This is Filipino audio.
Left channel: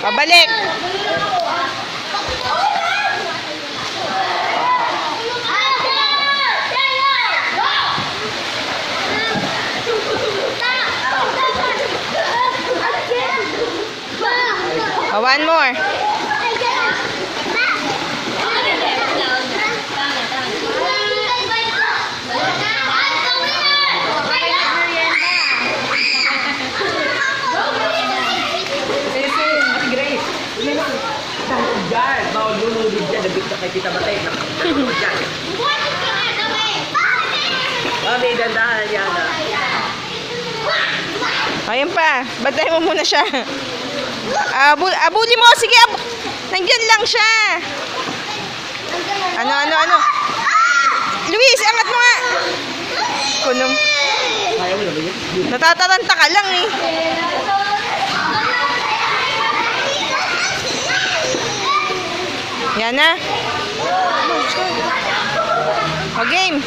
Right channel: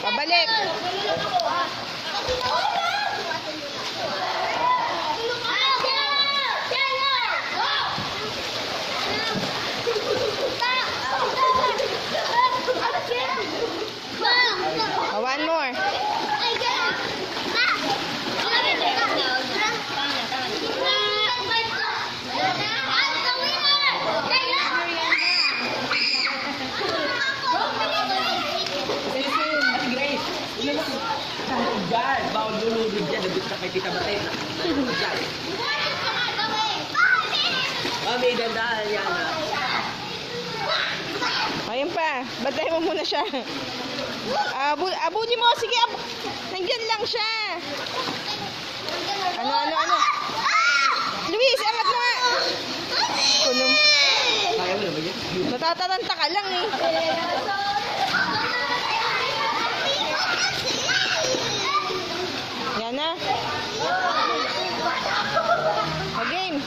Pabalik. One more. Ayun pa. Batay mo muna siya. Abuli mo. Sige. Nandiyan lang siya. Ano? Luis, angat mo nga. Kunong. Natataranta ka lang eh. Yan na. O game.